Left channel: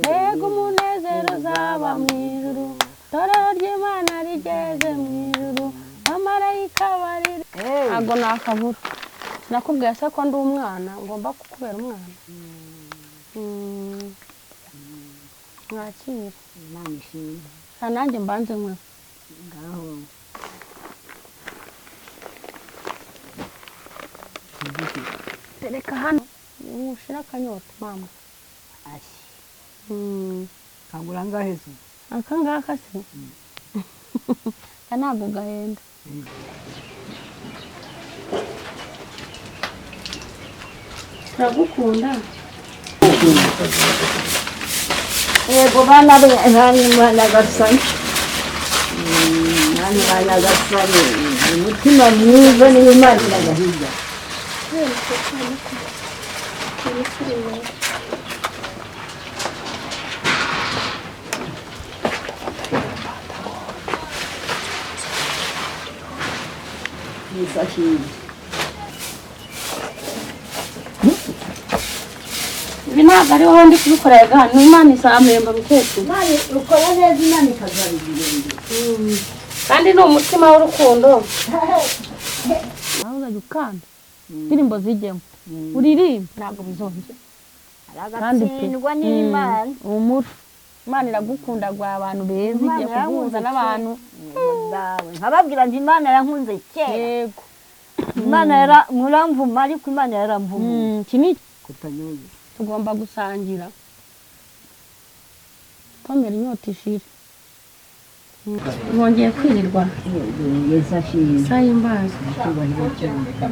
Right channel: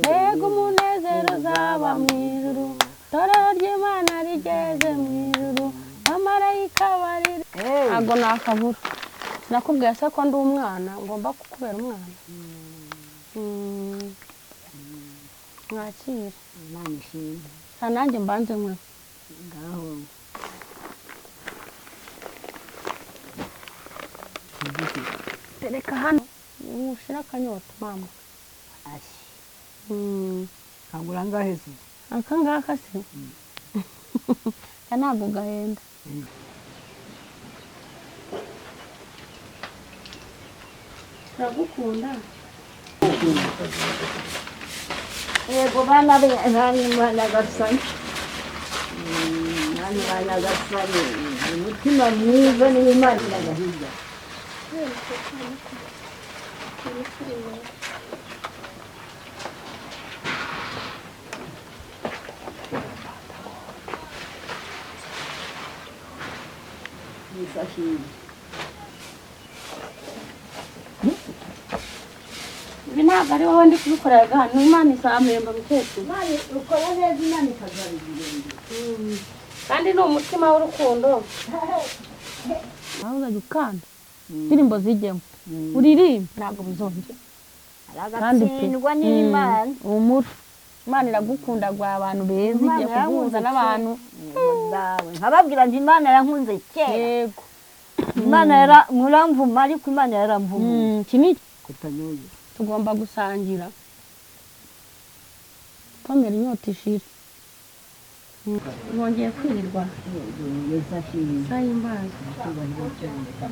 Mbega umunezero uzaba mu ijuru, itorero ry'Imana rigeze mu ijuru, abamarayika barira. Ntabwo nakabura. Sinakubwiye se ko ndi umwana, ngomba kukubera umwana. Mwakire. Imana ishimwe. Nanjye mbanze nkwe. Ngaho. Tereka hano. Ushira akanyota mama. Ashi. Kagura ngahe se? Aka ngaka se? Ntabwo gahenda. Turagukunda. Yego bana gasani. Bana gasani. Umutima mwiza n'Imana iragahiga. Ibi ntabwo ariho ndi kubikorera ni Imana isamemba mukecuru. Ukora neza Imana ikazabigirira. Kandi ni umutima w'urukundo. Aho uzajya ukanda indirimbo zijyemo uririmba ntabwo bizongera. Aragatsindwa n'Imana. Umuri Imana iragukunda gwa abantu beza igiye kuguhuza n'abantu. Nkababwira nti Imana yankunze kera. Yego. Imana muramvuma ariko Imana yaramvuma. Kini Kutanyoye. Tugomba gusangira. Pomera inyota ishire. Mwongeye kwirirwa. Yesa shiri. Sayimbaza.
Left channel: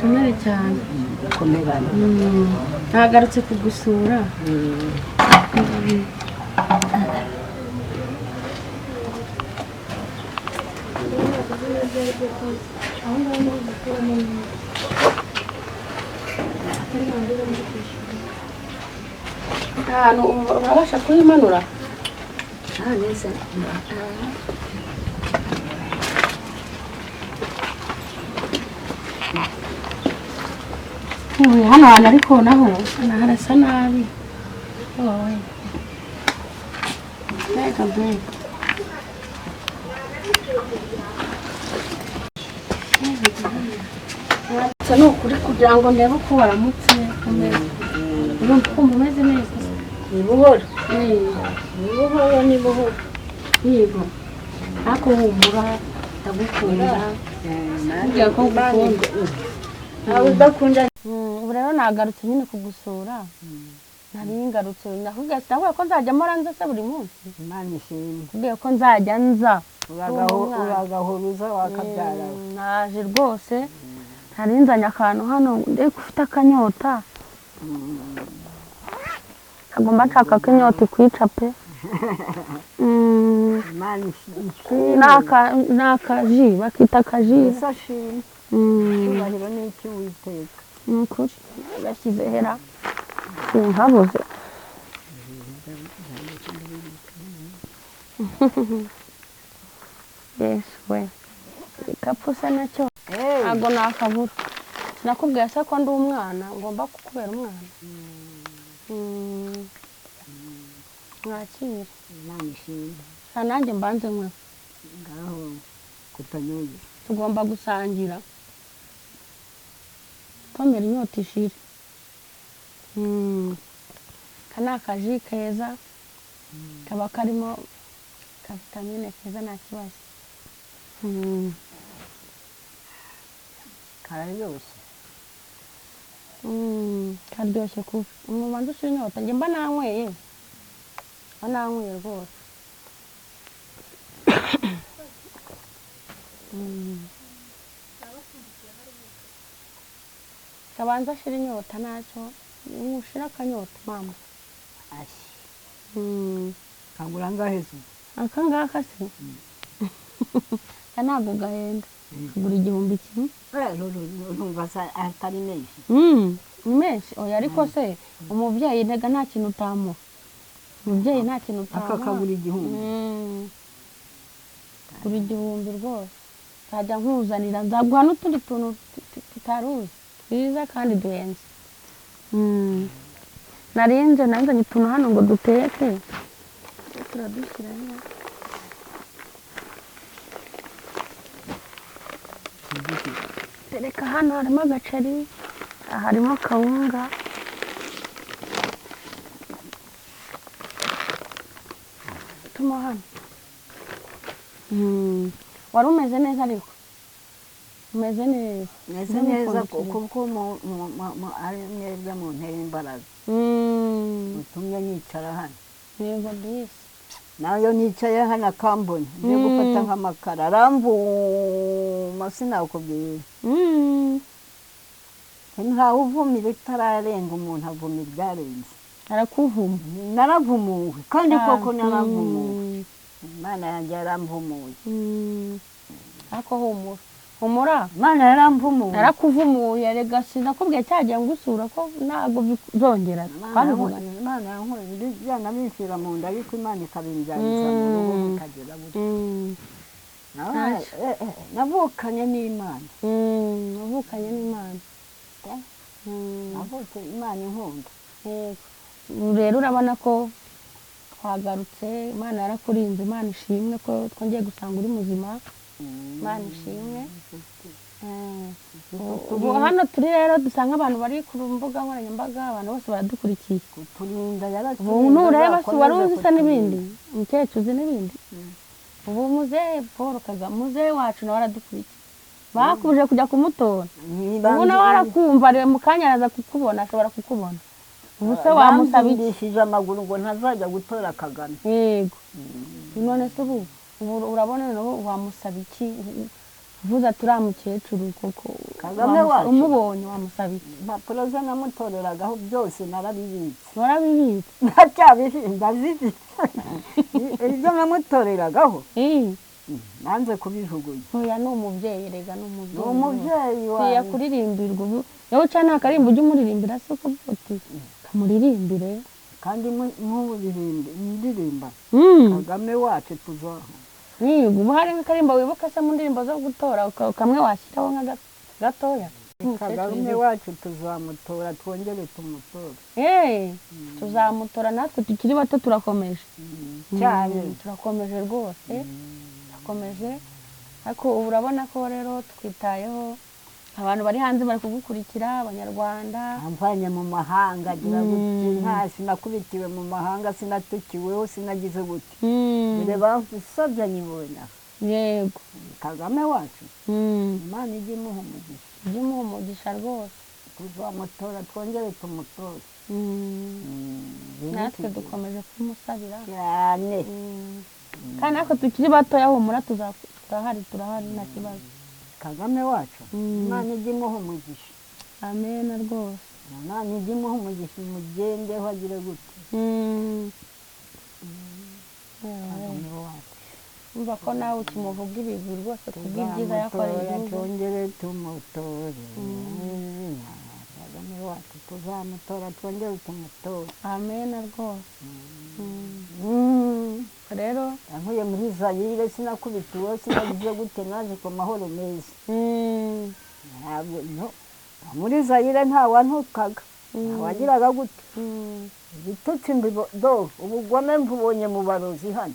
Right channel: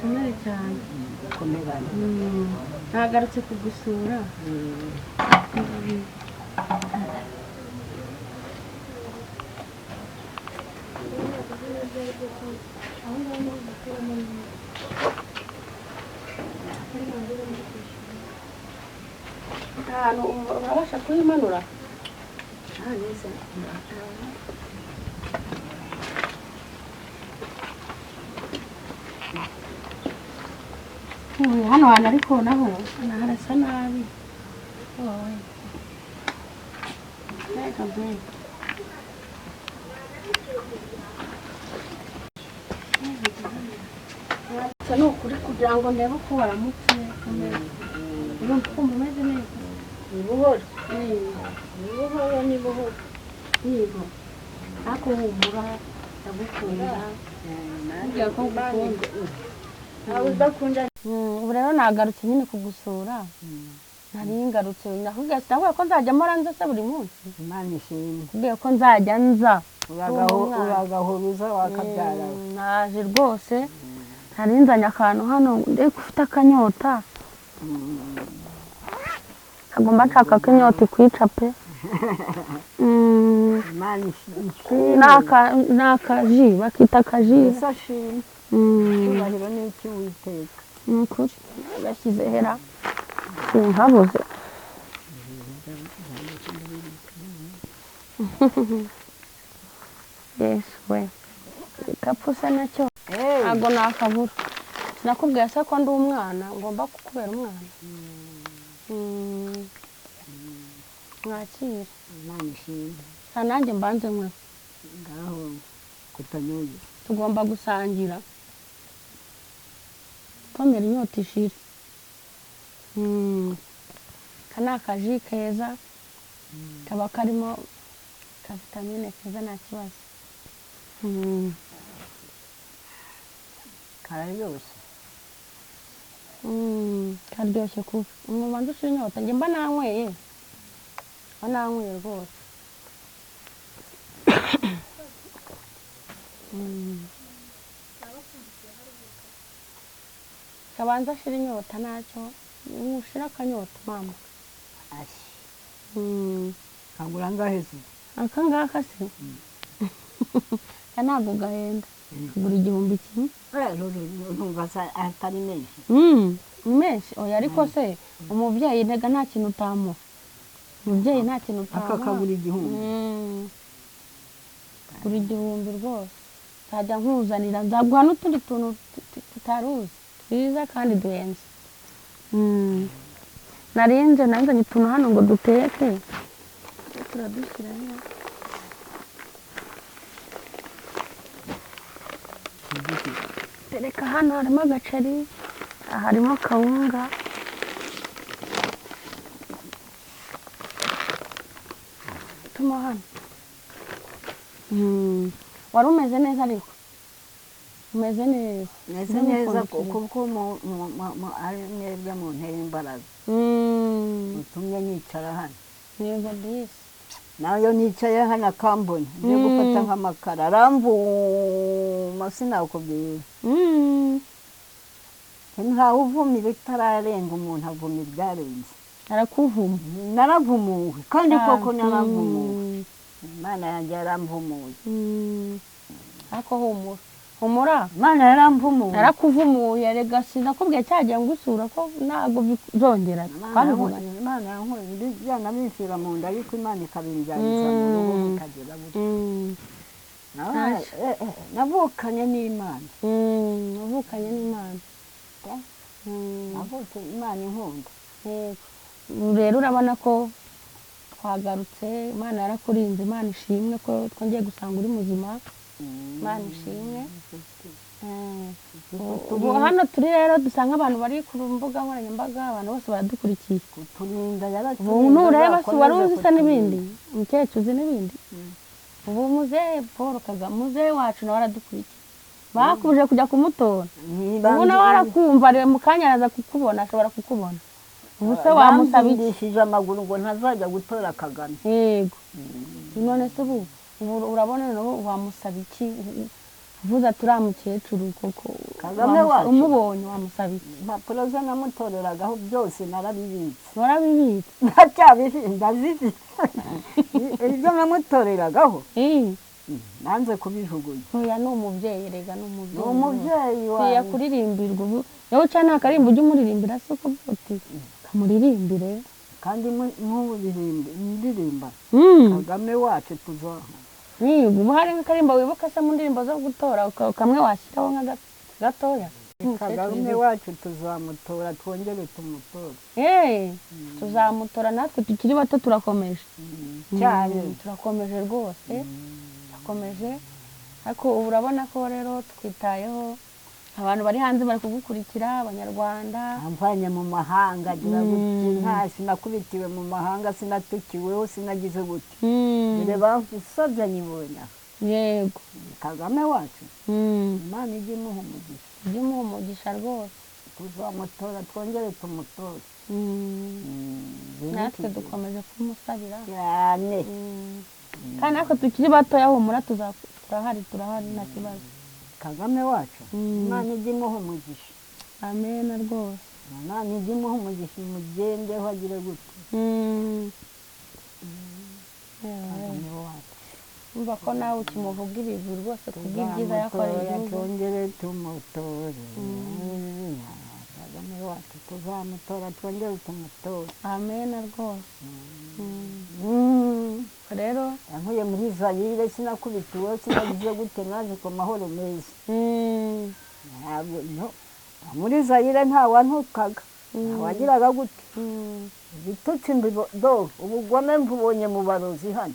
Tumere cyane. Komerana. Nagarutse kugusura. Urabasha kuyimanura? Neza. Hano hantu ariko naho harasa nabi. Mbega mbega. Ni ukuri kugira ngo ndebe uko waramutse urumva ukumva umeze neza. Ni buhoro. Ni buhoro. Yego. Ariko humura ndagukunda. Ngiye ko ngukunda. Nawe udakunda. Ubu rero nagarutse nyine kugusura. Nari ngarutse nakubwiye sinavuga ko nzajya mpora nza se buri munsi. Imana ishimwe. Kubwiye ko nzajya nza. Uragahuruza wakabyara. Naje rwose. Nari nzanye akantu hano ndeko ufite akanyota. Agomba nshaka ko inyota ikwica pe. Imana ishimwe. Nakaji bakita akaji. Yesa shiri. Cyubahiro n'iki witeka. Nukuri gashyize hera. Sinkabuze. Yes we. Ikapusa nacyo. Ntabwo nakabura. Sinakubwiye se ko ndi umwana ngomba kukubera umwana. Mwakire. Imana ishimwe. Nanjye mbanze nkwe. Ngaho kutanyoye. Tugomba gusangira. Pomera inyota ishire. Kana akaji keza. Kaba karimo ka vitamine keza nta kibazo. Kararyoshye. Karyoshye kubi. Umubanza ushira inyota njye mba nanyweye. Nanyweye rwose. Kabanza shira inyota nacyo. Ushira akanyota mama. Ashi. Kagura ngahe se? Aka ngaka se? Ntabwo gahenda. Kagura 1000 kimwe. Numva atari menshi. Ni menshi. Oya ariko se umubyeyi ntega nta kintu utamuha. Umubyeyi nta kintu utamuha. Akakagura 1000. Kuri 1000 rwose. Nzajya nkuzanira nzaguha n'utundi tuntu tutaruzi. Twiza kandi duhenze. Narinze nanzanye utuntu hano ngo duteke turadushyiramo tereka hano harimo agaceri harimo kawunga tuma hano wari umeze neza ariko umeze neza meze neza kuko ari mwebwe mu ntera imbaraga utumye nicara hano yego disi nayo nicaye hano akambona ngiye gufata nk'amakara aramvuma sinakubwira ntawe uvumira itararenga umuntu avumira ibyarenze arakuvuma naravumuwe kandi koko naravumuwe Imana yanjye yaramvumuye ariko humura Imana yaramvumuye yarakuvumuye rega sinakubwiye cyagiye ngusura ko ntabwo bizongera twabivuganye Imana yankoreye byana binshyira mu nda ariko Imana ikabinjyaniza mu rugo bikagera gutya navukanye n'Imana navukanye n'Imana navutse Imana inkunda rero urabona ko twagarutse Imana yarakurinze Imana ishimwe ko twongeye gusanga uri muzima Imana ishimwe ubu hano turi rero dusanga abantu bari ku mbuga nkoranyambaga abantu bose baradukurikiye kuturinda ubu nureba si wari uzi se n'ibindi umukecuru uzi n'ibindi ubu muzehe Paul Kagame muzehe wacu nawe aradukurikiye bakubuje kujya kumutora ubu nawe arakumva ariwe mu kanya araza kukubona ashobora kukubona ubu se wamusaba iki amaguru ngo ntazajya gutora Kagame yego none se ubu urabona nawe wamusaba iki uvuze ati uriya mukecuru koko Kagame wacu umubonye wamusaba iki impapuro ze namutoreragaho byose narabibitse warabibitse ndacyabifite ndazifite ibyo namutoreragaho nanze kubijugunya oya ni umubyeyi rega ni umubyeyi wawe yakuririmbirwa ubu yowe cyane nta karimbo ujya umuririmbira se uko uti kamuririmbire kandi ndirimba Kagame wacu tuzaho ubu hari nk'akarimbo wibuka se mu ndirimbo zo gutora kamwe washyiraho nka gatoya Kagame wacu tuzamutora twongere tumutore tuzamutora natwe tukiri bato turakomeje cyane turakomeje rwose turakomeje ariko ubu urabona ko rero twitayeho abantu bari hanze bari kugukurikira abanyarwanda amvanye mu mahanga agira gute nta sinakubitiwe mu mahanga sinatukiweho sinagize gute dore bafusabye nyibona yego Kagame wacu Imana ijye imuha umugisha rwose tuzamutora twongere tumutore natwe dukomeje kumusabira cyane kandi natwe tukiri batoya humura turahari nta kibazo Kagame wacu Imana ijye imuha umugisha amen rwose Imana ijye imuha umugisha mugendeho agire gute Kagame wacu umva ko nawe ukimuvuga ibigwi rwose kubw'ibyiza yakoreye igihugu twongere tumutore Kagame wacu tuzamutora twongere tumutore amen rwose rero yankuye muri Zayire sinakubitiwe sinagize gute naje ku mahoro meza muri Zayire ntawantukaga ntawagiraga gute ibitutsi ubugome mbubonye mu barozi hano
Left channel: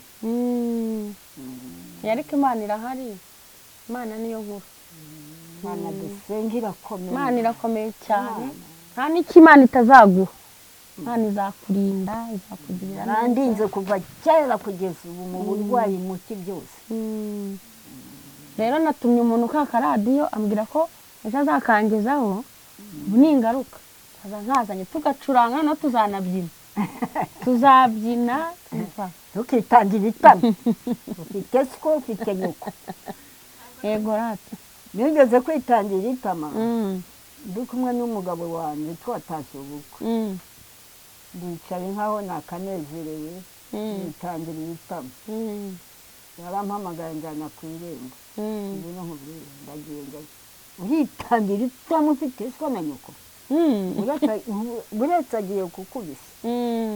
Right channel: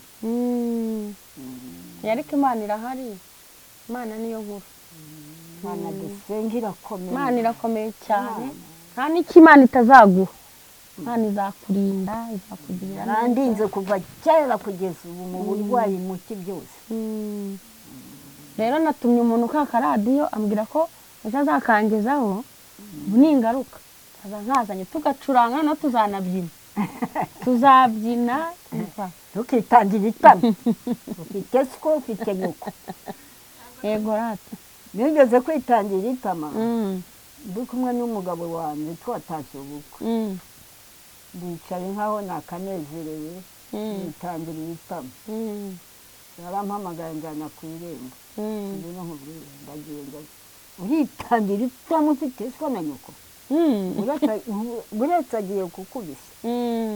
ariko Imana irahari Imana niyo nkuru Imana dusenga irakomeye Imana irakomeye cyane nta n'icyo Imana itazaguha Imana izakurinda izakugirira yarandinze kuva kera kugeza ubu mu burwayi muki byose rero natumye umuntu kaka radiyo ambwira ko ejo azakangezaho ubu ni ingaruka nkazanye tugacuranga no tuzanabyina tuzabyina tukitangira itama ufite siko ufite nyuko yego rata nigeze kwitangira itama ndi kumwe n'umugabo wanjye twatashye ubukwe ndicaye nkaho nakanezerewe nitangira itama yarampamagaye njyana ku irembo ndagenda uritangira itama ufite siko na nyuko buretse agiye kukubisa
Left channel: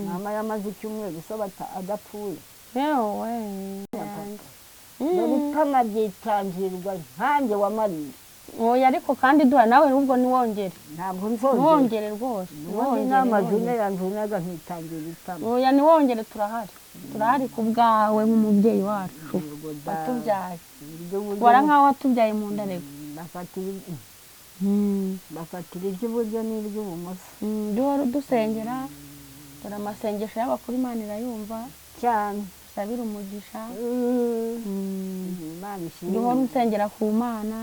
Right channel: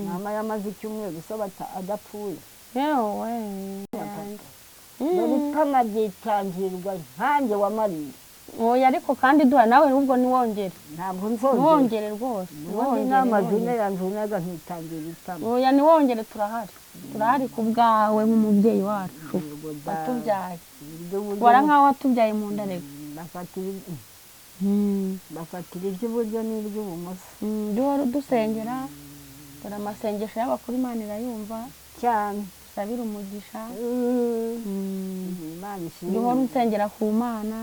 mama yamaze icyumweru usaba adapfuye dore itama ryitangirwa nkanjye wamariye oya ariko kandi duha nawe ahubwo niwongere ntabwo niwongere rwose n'amazina yanjye naga nkitangira itama oya niwongere turahari turahari ku bwawe nk'umubyeyi wacu watubyaye wara nk'aho watubyaye mu nda rego bafatira iry'iburyo n'iry'ibumoso duhora udusengera dore amasengesho y'abakuru Imana irayumva cyane dusabire umugisha Imana ishimwe duhora unsengera ku Mana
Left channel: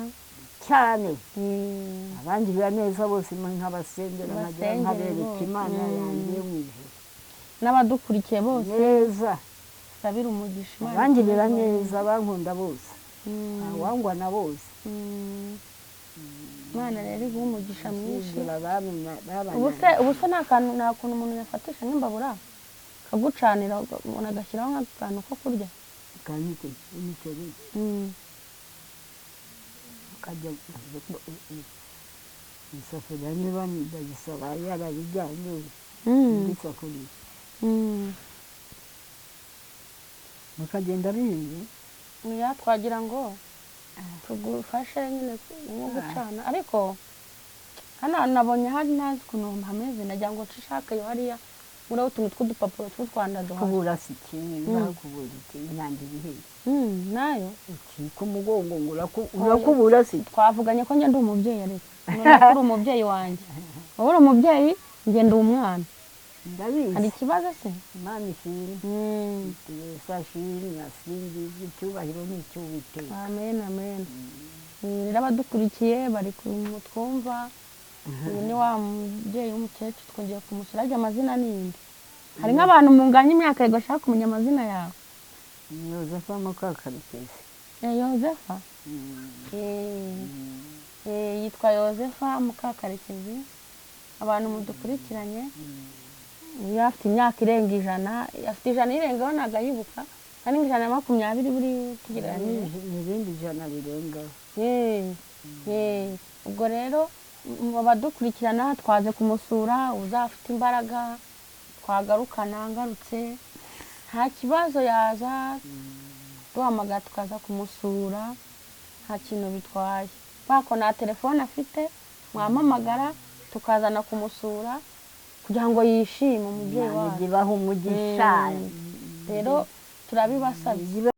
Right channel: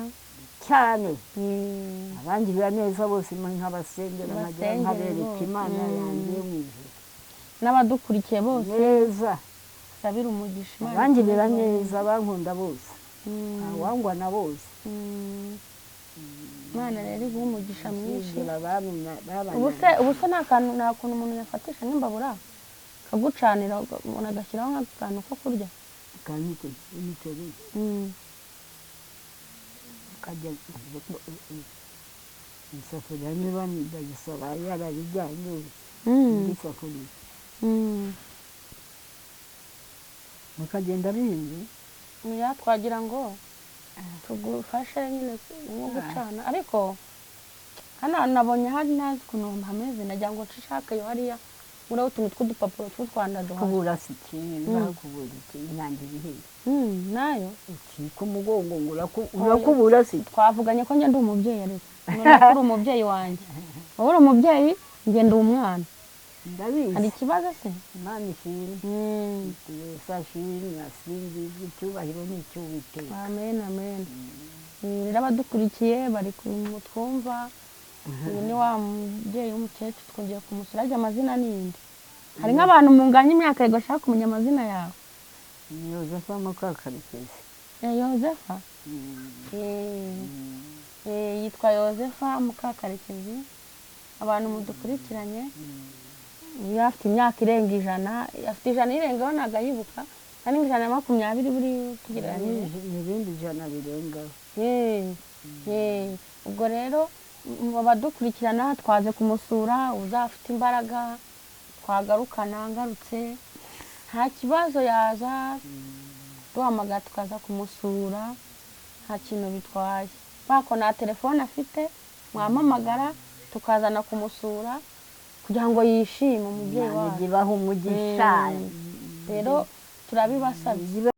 cyane abangirira neza bose nk'abasengera nkabereka Imana yanjye mu ijuru n'abadukurikiye bose neza sabira umugisha Imana abangirira neza bankunda bose abangwa na bose Imana rero iguha umugisha mwinshi ubuse nta kuntu umuntu yafatisha nk'imbabura kagucanira umuntu agashyiraho nk'akantu ko kurya kanite imiceri kajya isafuriya niba ndagisaba yarabijyanye isafuriya mukagenda bihinze twagira ngo tugufashe nyine nko gucana ariko hano nabonye hari nazi ukuntu hameze nagira ngo nshishakayo hariya uriho utuntu tw'udupapuro tw'utwanda duhari kubura si ikintu kubura inyange ibihe nayo ukika umugongo ngo urakubura si twavuganye ko njye ndi umubyeyi ariko none uri umubyeyi wanjye wowe uri umubyeyi njye ndi umwana ndabizi hari ikibazo se Imana ishimwe sashimwe nasingiza icyubahiro n'icy'Uwiteka amen amen rero abadukurikiye bari kumutwumva uyu ni wa mubyeyi w'umukecuru twongeye kumusura arya amazina n'indi hari nk'abantu munganya imyaka yego ashaka kumenya amazina yawe Yozefa Mukakarekezi Yozefa yitwa Yozefa Mukakarekezi abantu mudukurikiranye iyo afite imyaka irenga 100 afite 100 irengaho ntabwo ayibuka kandi 120 buri tugereranyije n'ibindi 100 birengaho ubwo rero abadukurikirana twaze kumusura uzafite imbaraga twagarukana ngarutse nta kibazo yaza duhamagara tukaza kumusura nta kintu bitwaye bako nta telefone afite mwamamagara tukazana kumusura kugira ngo yishime umubyeyi wawe gibaho umugisha rero turabibasabye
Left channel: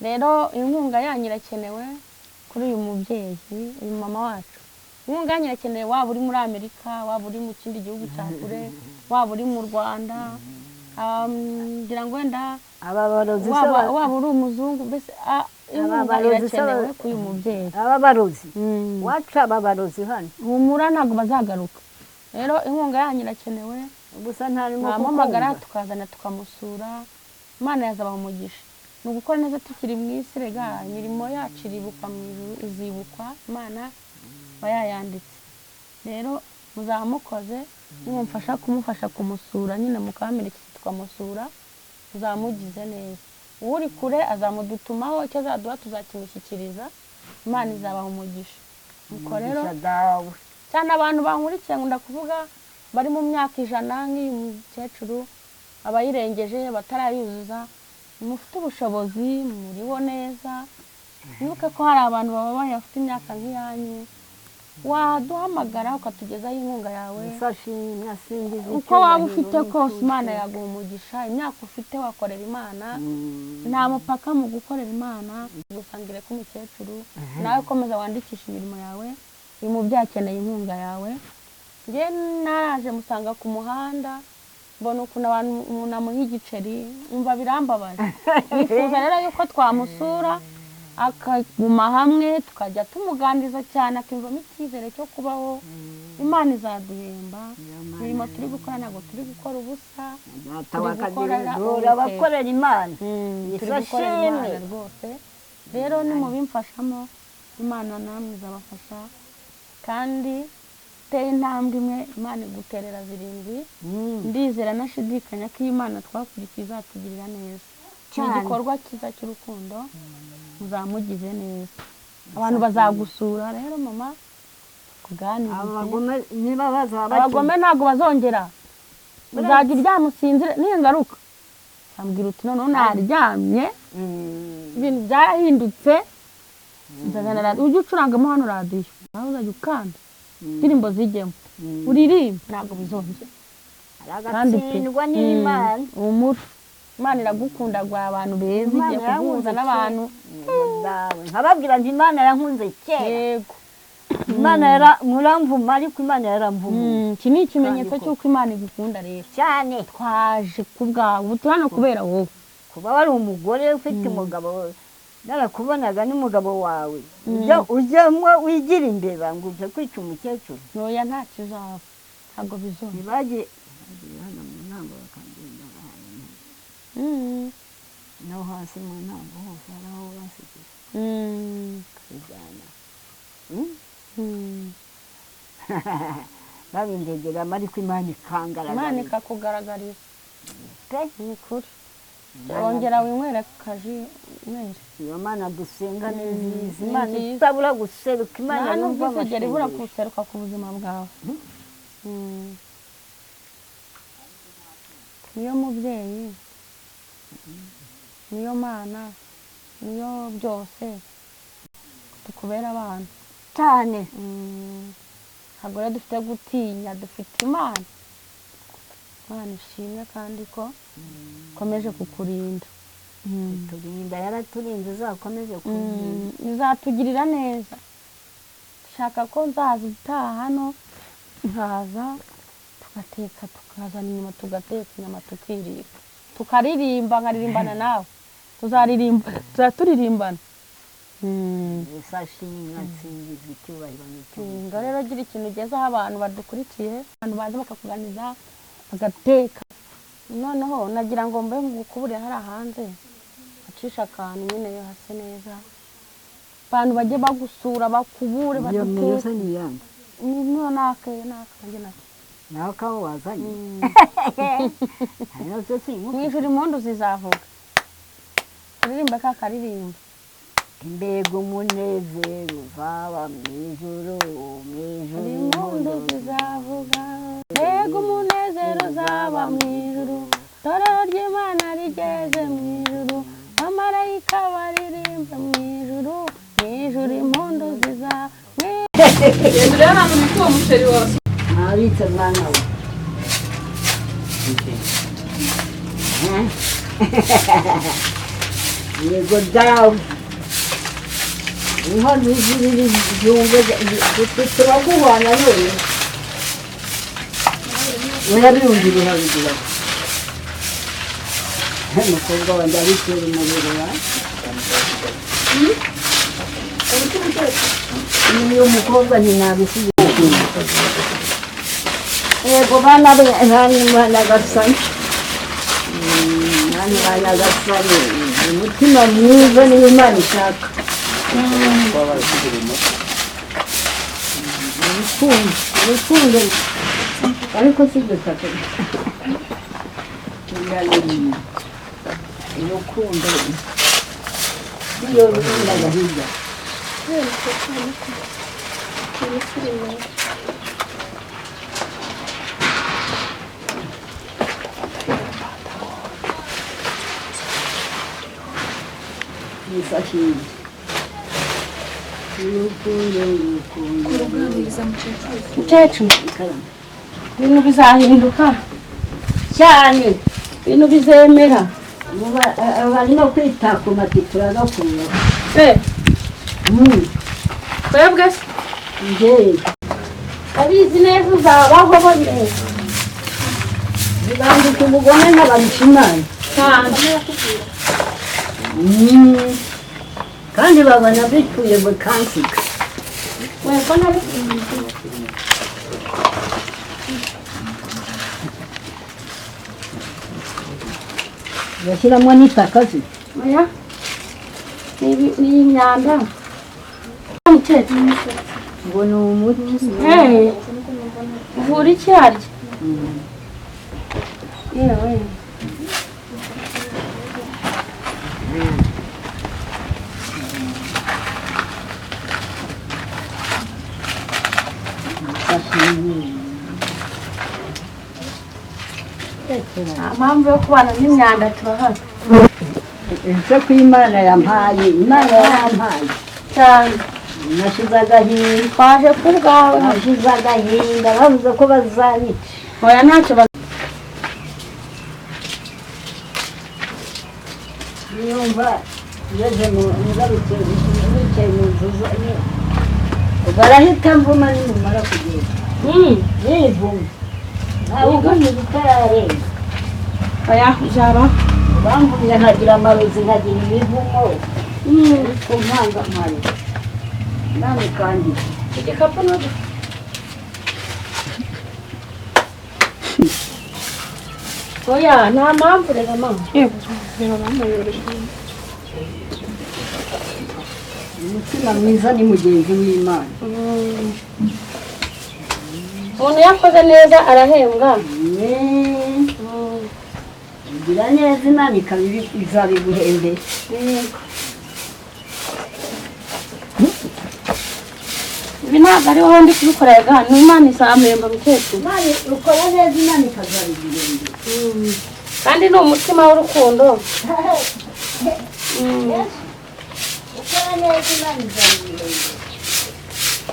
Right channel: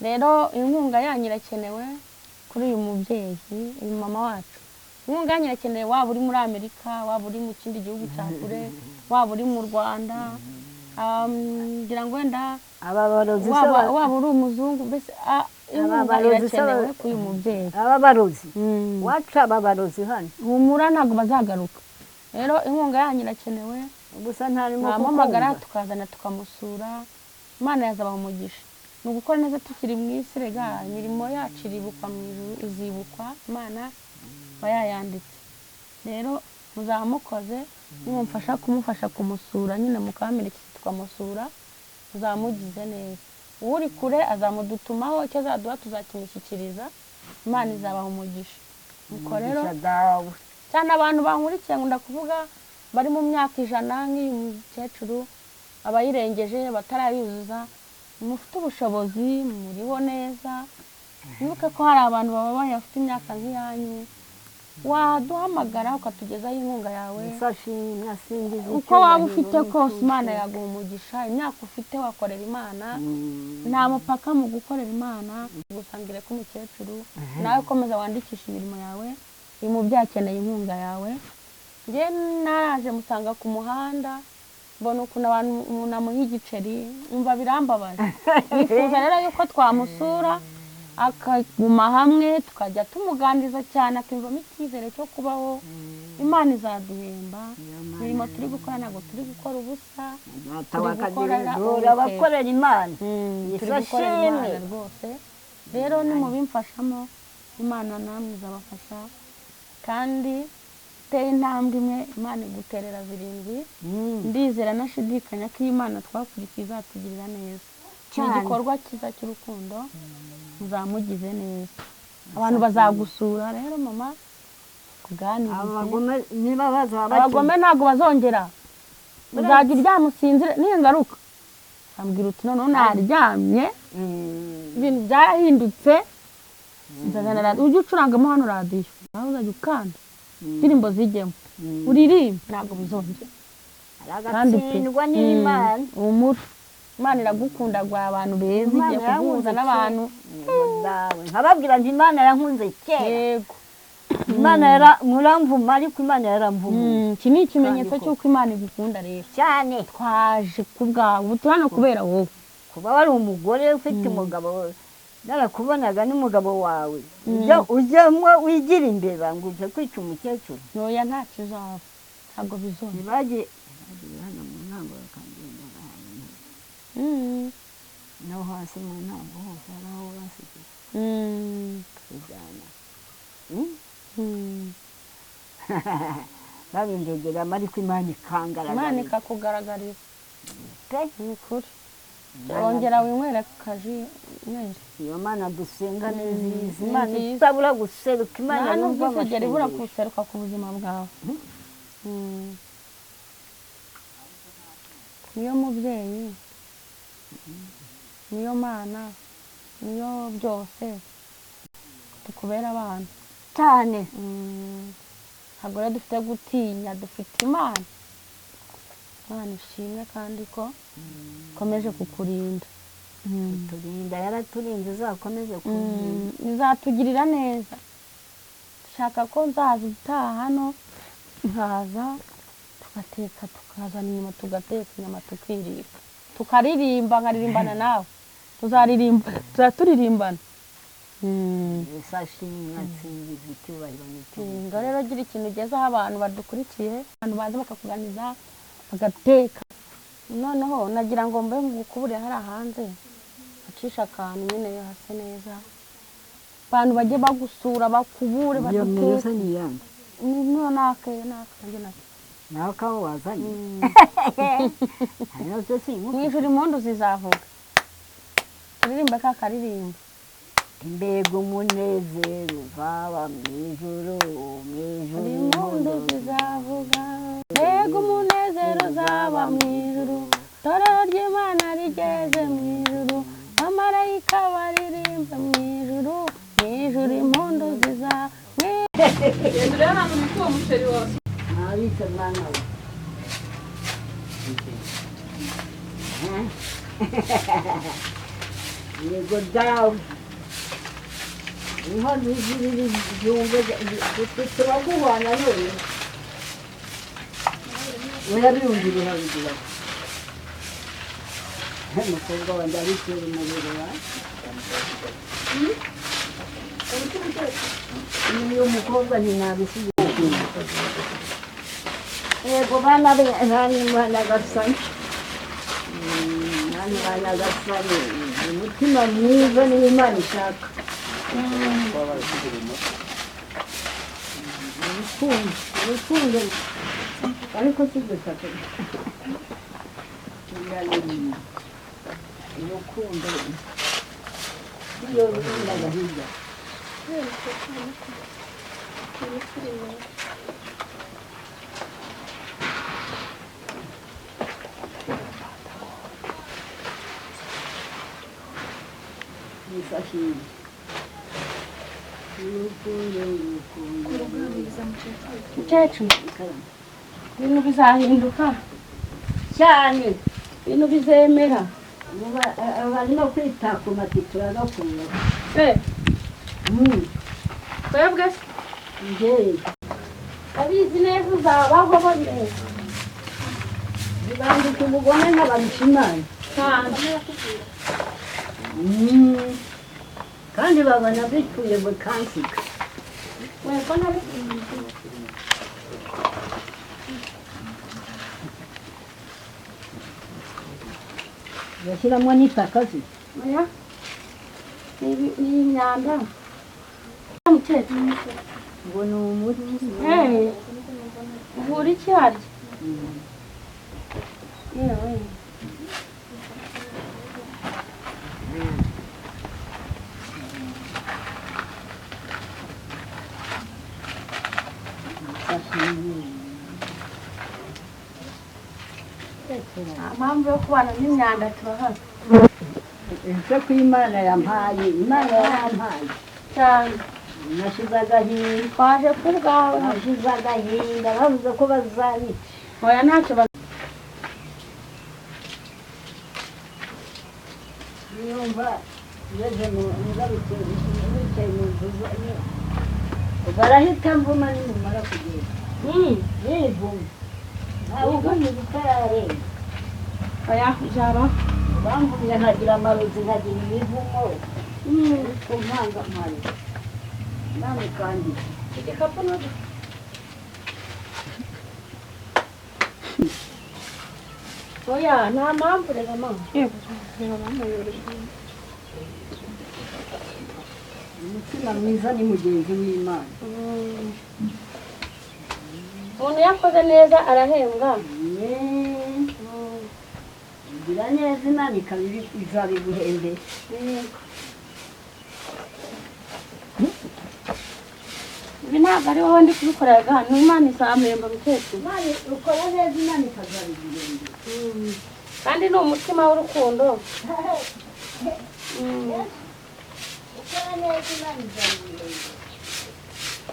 rero inkunga yanyu irakenewe kuri uyu mubyeyi uyu mama wacu inkunga yanyu irakenewe waba uri muri Amerika waba uri mu kindi gihugu cya kure waba uri mu Rwanda ngira ngo wenda waba uri umuzungu mbese inkunga irakenewe kuri uyu mubyeyi ababarozi waca ababarozi hano humura ntabwo bazagaruka rero inkunga yanyu irakenewe gusa ntarimo mwamamagara tukazana tukamusura Imana yazabaha umugisha ni ugukora neza tukiri mu isi rega imirimo yacu iribukwa mu ijuru izibukwa Imana bayayanditse rero muzamukoze nimumfasha kumufasha kumusura nyine mukamerekeza tukamusura muzamugize neza uri kure azamudutumaho icyo azaduha tuzakimushyikiriza Imana izabaha umugisha nuko rero cyane abantu bankurikiye ngo ndakuvuga bari mu myaka 100 nk'uyu mukecuru abayirengeje batarayuzuza mufite ubushobozi muriho neza nuko ko hari abantu baba bafite imyaka nk'iyanyu waduhamagara ukatugezaho inkunga yawe uko waba ufite kose Imana yaguha umugisha imyaka ufite wakorera Imana nta mupaka mu gukorera Imana gusangire ko umukecuru nawe komeza wandikisha imirimo yawe uyu mubyeyi akeneye inkunga yawe njye naraje musanga ku muhanda mbona ukuntu abantu umuntu amuha igiceri umva birambabaje nifuza rero yuko twamusura akaguma hamwe tukajya tumuganiriza cyane akimvamo icyizere cyo kubaho Imana izaduhemba imirimo turi gukora ntabwo turi gukora ubusa turi abakorera Imana ifashimwe rwose rero nimubimfashamo Imana namwe izabafasha kandi teye intambwe imwe Imana iguterera 7 ndizera nashidikanya ko Imana twakurikiye izatugirira neza igikorwa cyiza cy'urukundo muzamugize neza abantu bazagusura rero mama kuganiriza abagome ntabwo bazongera uzajya uryamusinzire ningaruka ambwira uti none naryamye ibintu byarahindutse ujye ucurangamo hano radiyo nawe uzajya ukanda indirimbo zijyemo uririmba ntabwo bizongera aragatsindwa n'Imana. umura Imana iragukunda gwa abantu beza igiye kuguhuza n'abantu nkababwira nti Imana yankunze kera. yego Imana muramvuma ariko Imana yaramvuma. iki ni ikimenyetso cy'uko Imana igukunda rero cyane. twaje kubwawe ubu turano kubera wowe kuba wari umugore ufite umugabo narakubonaga n'umugabo wawe ujyamwo wigira imbeba ngo uje kwica umukecuru. noya nta kizaba ntabwo bizona bagiye hano mu ntango bakagenda no hasi mu ntango hose hari aho basigaye kujyana babindegera ariko Imana ikangaragara. Imana ikakugaragariza pe ni ukuri wongera winywera kaji mwere. iyo Mana dusenga neza Imana itabura guseruka Imana yumva amashanyarazi ibura guseruka ku buzima bwawe. niyo mubyeyi niyo Mana niyo byose tukubera abana cyane. ntabwo rero dufite gutinya dufite Imana ishimwe kandi ko ikomeje kukurinda. turinda yaraturinze uzakomeze kurinda. izatugirira neza. dushaka ko nzaza utaha hano nkaza tugateka tukazana inyuma tugateka inyama tukirira tukaririmba nkaririmbana nawe tuzaturirimba sashimwe icyubahiro n'icyo rero gira ikintu ugezeho abantu badukurikiye abantu baza bakakuganiza bagateka. noneho nagira ngo mbe ngukubure hari hanze acisha akantu nyine yo hase neza abantu bajye bagusura bakubure baduteka. niyo nake nawe kaho wazanye mwijuru impundu zizavuga turirimba ka karirimba. mbega umunezero uzaba mwijuru impundu zizavuga. mbega umunezero uzaba mwijuru itorero ry'Imana rigeze mwijuru abamarayika baririmba mwijuru impundu zizavuga. Marita mwana we. Yego dawe. Inkono ziri byumve turaguhana none. Urabiyumvira bigira. Umukobwa wanjye abitera umuriro wa. Niyo mukobwa ntinabisize. Yego bana gasani. Bana gasani. Umutima mwiza niyo Imana ishaka. urukundo ariko si gutaka. urukundo iyo rukunda gahiga. Mukecuru ibintu bizahinduka cyane, ibintu bizemera. bari no kwita ku matitura no kunywa. Twebwe abizi neza uzabaho boneza bibandika ubugome n'ababishimana kandi babona bituye bukansika. bashyiramo n'itaka se ni imyanda ngo ni umuti uvura icyarya. yewe nta mpamvu yo kubana n'imyanda turahari. ese ko Imana yampaye, Imana yampaye cyane nashize agahinda. twaje ku bwawe nashize agahinda bavuze ko bazanyica. oya ntacyo niyumva ngeze ngarutse nicaye mu nzu barahita mvuma nimumara kugenda nivuma ntawe ugamije utararenga oya uzaba bamburiye nkagira amarozi nkagira ibivumo ariko ntangamare nane kandi igikapu n'udu oya nta mpamvu rero mama yego rero bamuyobeje umutima mwiza ni mugenzi w'Imana umuntu yakoze neza arahembwa ugira neza Imana izabiguhembera ibi ntabwo ari wowe ndi kubikorera ni Imana izamemba mukecuru Imana ukora neza Imana ikazabiguhembera kandi ni umutima w'urukundo ukora neza Imana izabiguhembera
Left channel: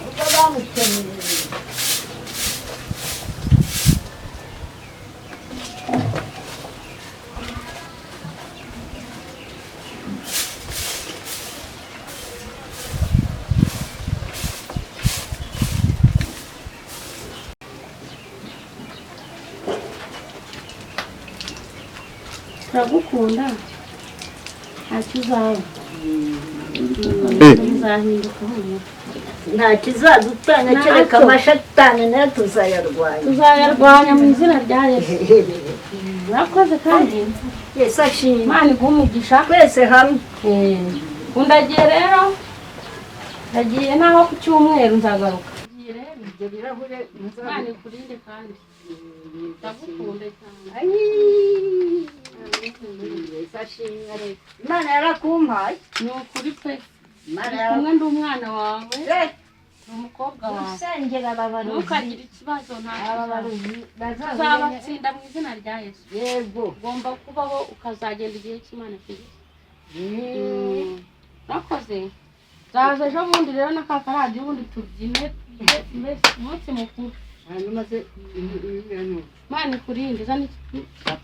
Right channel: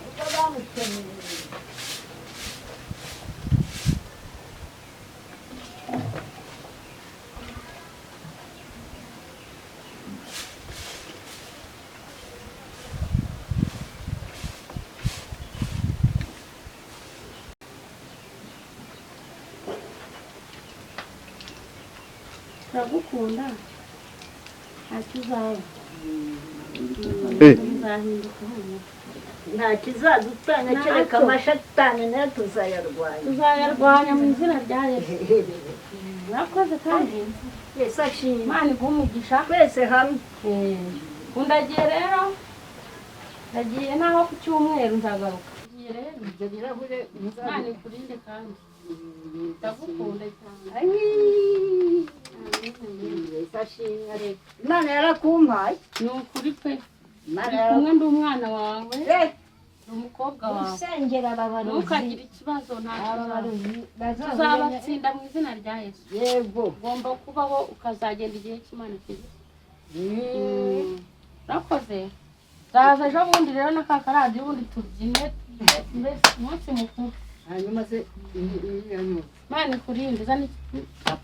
uko bamukeneye turagukunda ntacyo uzaba uzahinduka nta kizadutanya kereka amashatani nayo tuzayarwanya mu izina rya Yesu urakoze kandi Yesu ashimwe Imana iguhe umugisha twese hamwe undagiye rero ndagiye naho ku cyumweru nzagaruka ndagiye rero ibyo birahure Imana ikurinde kandi ndagukunda cyane Yesu ashimwe reka Imana yarakumpaye ni ukuri pe kumwe ndi umwana wawe ni umukobwa wawe usengera ababaruzi ntukagire ikibazo nta tuzabatsinda mu izina rya Yesu yego ugomba kubaho ukazagenda igihe cy'Imana kigeze urakoze zaza ejo bundi rero na ka karadiyo ubundi tubyine mbese umunsi mukuru hanyuma se Imana ikurinde zana